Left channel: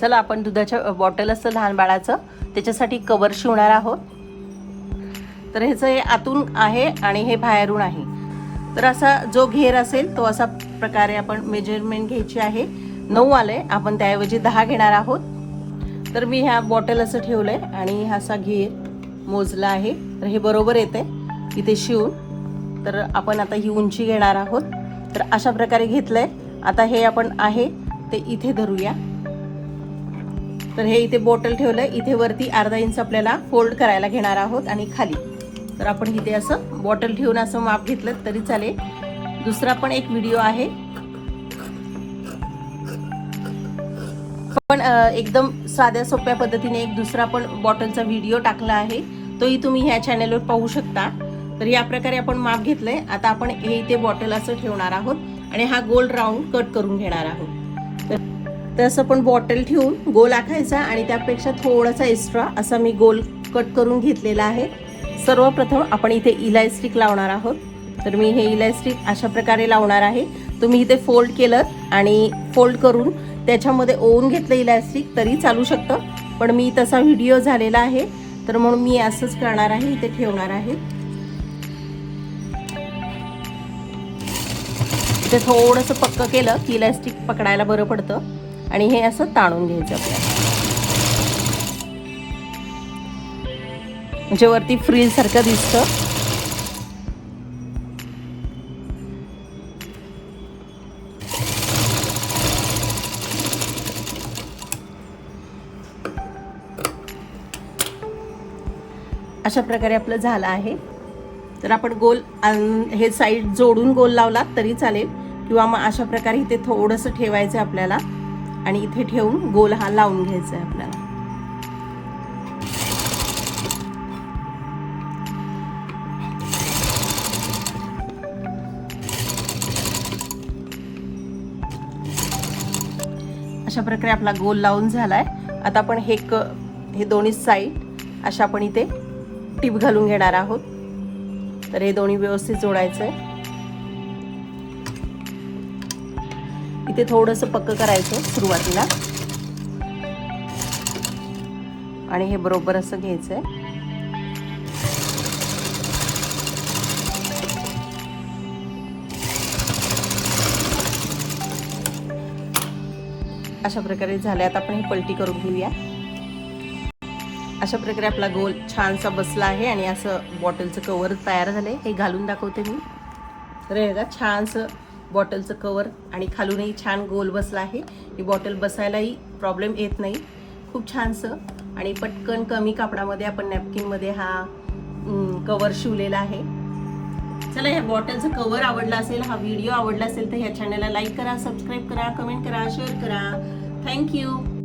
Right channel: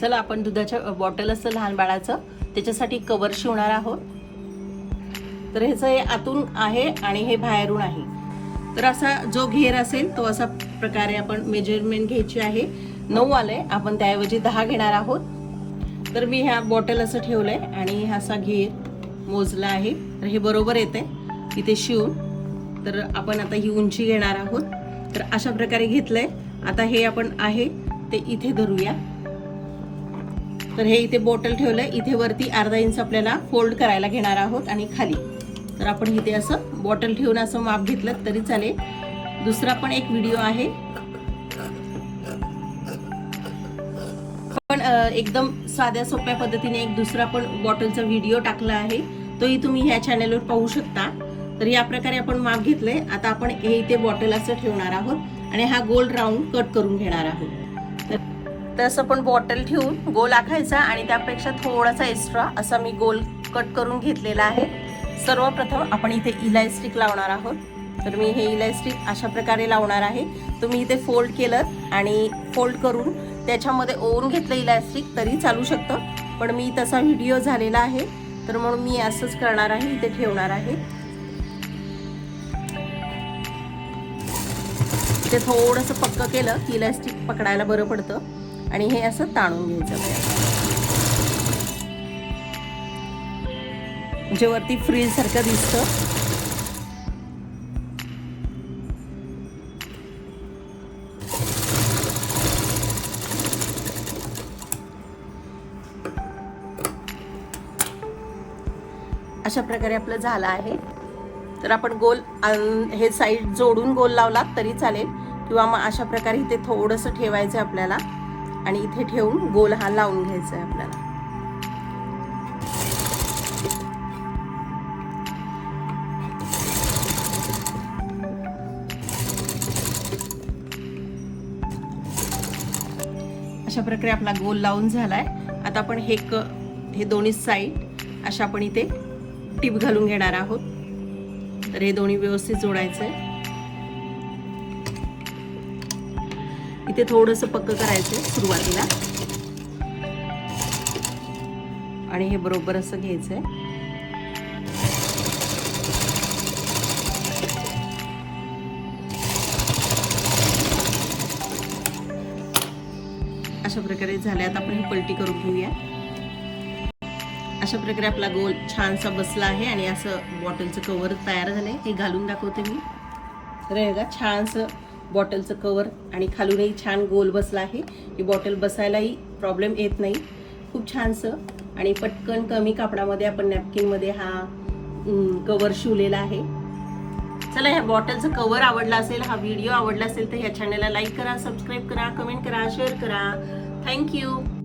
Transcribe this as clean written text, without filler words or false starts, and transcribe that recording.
चला आपण दुधाच्या बॉटल असतं लहान बाळाचं त्याच्यासाठी कवर शिवणार आहोत. तर ह्याचं हे आतून आहे आणि हे बाहेरून आहे. तर असा जो घेर असेल तो असा प्रकारे आपण मेजरमेंट घ्यायची आहे. 9 आले, आपण त्याऐवजी 10 घेणार आहोत. तर मी ह्या बॉटल असं ठेवलंय आणि हा असा घेर मोजला आहे. तर हे बरोबर येते इथे शिवून. तर आपण आता ही उंची घेणार आहोत. तर अशा प्रकारे घेतलंय. आता हे आपण आहे ते इथे धरूया. तर हे इथे बॉटल ठेवलंय. इथे वरती अर्धा इंच आपल्याला फोल्ड करायला घेणार आहोत आणि खाली. तर आपण इथे असं बॉटल ठेवून असं माप घेतलं तरी चालेल. दुसरा पण एक व्हिडिओ आहे, पण एकदम साध्या सोप्या पद्धतीने एक दुसरा पण बॉटलचा व्हिडिओ टाकला आहे, तोही तुम्ही ह्या चॅनलवर पाहू शकता. तर या प्रकारे आपण माप घेतलंय. आता आपण हे इथे बॉटल असं ठेवणार आहोत आणि हा गोल राऊंड कट करून घेणार आहोत. तर असं पण बॉटल ठेवून गोल आखायचा आणि त्यापेक्षा थोडासा एक्स्ट्रा असं मी गोल कट करून घेतलेला आहे. सर्वप्रथम आपण इथे इलास्टिक लावणार आहोत. तर मी हे इलास्टिक अशा प्रकारे लावणार आहे. तुम्ही इथे फोल्ड केलं आणि फोल्ड करून त्याच्यामध्ये ओवून घेतलं इलास्टिक तरी चालू शकतं, पण मी तसा व्हिडिओ झालेला आहे तर म्हणून मी असंच करणार आहे. इथे ठेवणार आहे. इथे थोडंसं पक्क केलं की इलास्टिक पकडायला बरं पडतं आणि हे असं ताणून घ्यायचं म्हणजे वरती फ्रीज सारखं दिसतं. अशा प्रकारे आपलं झालं आहे. तर आपण गोल हे साईड जोडून गोल लावलात तरी चालेल किंवा मग अशा प्रकारे इथे थोडंसं ठेवायचं आपल्याला आणि इथे ठेवून गोल हा लावून घ्यायचा आपल्याला. अशा प्रकारे आपला गोल लावून झालाय. आता आपण हे दोन्ही साईड अशा आपण इथे टीप घालून घेणार आहोत. तर हे दोन्ही व्यवस्थित जोडायचंय. इथे थोडंसं पक्क करायचं सुरुवातीला आणि हे बरोबर असं घ्यायचंय. अशा प्रकारे झाले. आता आपण ही पलटी करून घेऊया. अशा प्रकारे आपला गोल छानसा बसला आहे आणि असं बॉटलचं कवर तयार झाले. हे घालून दाखवते मी. तर हे बघा छानसं बॉटलचं कवर आणि खालूनही छान गोल बसला आहे. ही बॉटल बसायलाही प्रॉब्लेम येत नाही. खूप छानसं आणि पटकन कमी कापडामध्ये आपण नॅपकिनमध्ये हा कवर शिवलेला आहे. चला, ह्या बॉटलचं कवर आवडला असेल, हा व्हिडिओ आवडला असेल तर ह्या चॅनलला लाईक करा, सबस्क्राईब करा, कमेंट करा, शेअर करा. थँक्यू.